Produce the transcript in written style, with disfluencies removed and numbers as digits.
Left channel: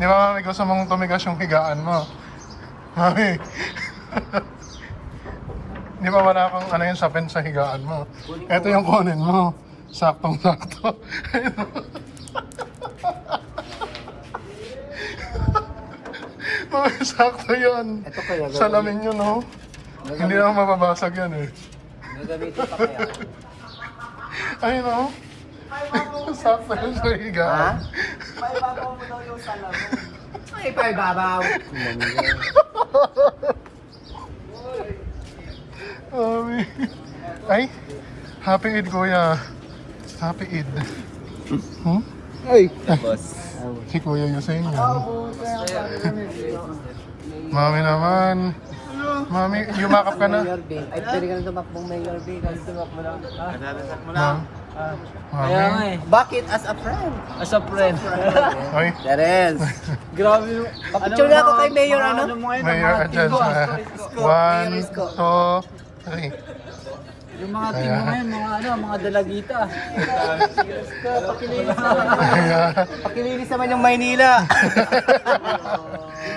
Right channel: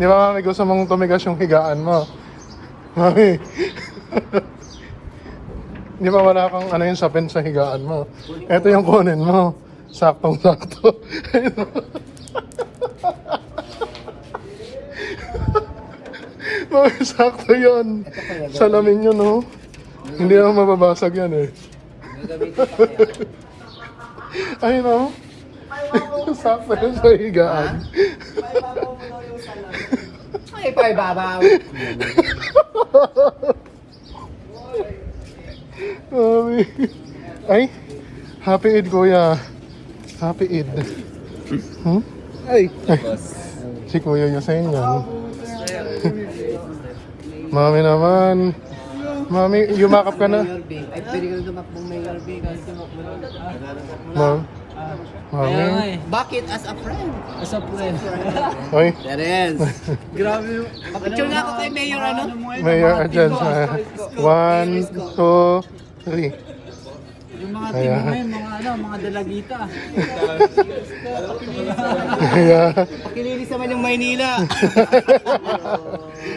Di ba kami gusto mong tumigas yung higaan mo? Mami. Di ba wala pang ano yung sapin sa higaan mo? Ito yung kunin mo. Saktong-sakto. Mami, sakto yun. Ito kaya gagawin. Salamin yun, no? Hindi naman mababasag yan eh. Gagamitin pa kaya? Ayun, no? Sakto yun sa higaan. Ha? Paibabaw mo daw yung salamin. Ay, paibabaw. Mami. Ay, happy Eid, kuya. Happy Eid. Hmm? Ay. Si kuya yung sa inyo. Mami naman. Mami, yumakap ka na. Mayor B. Ay, pwede ka na tumakbong Mayor B. Kasi tumakbo na. No? Kaya nga eh. Bakit? As a friend. As a friend. Ay, Terence. Grabe yung... Papicture na ako kay Mayor ano? Mayor dyan. 1, 2, 3. Yung mga team mo ngayon, mga ano, mga dalagita. Pakilinis naman yung Maynila.